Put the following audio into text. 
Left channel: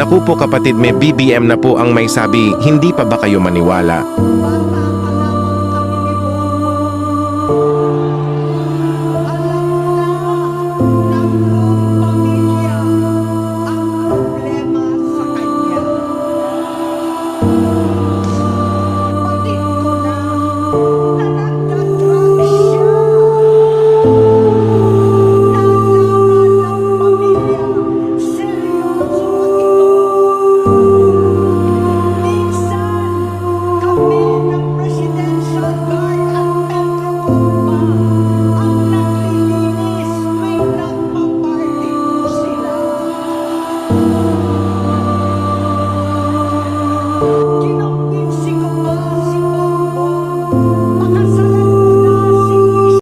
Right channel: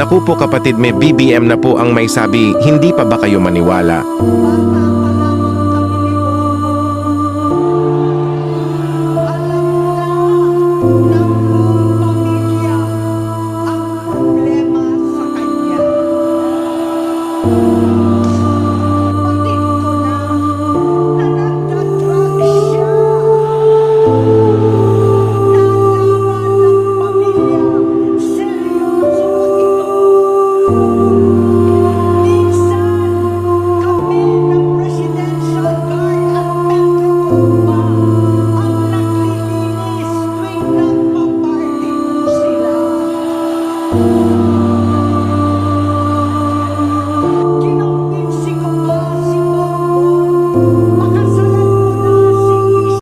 Naku po kapatid, may BBM na po ang may sabi, hindi pa ba kayo maniwala?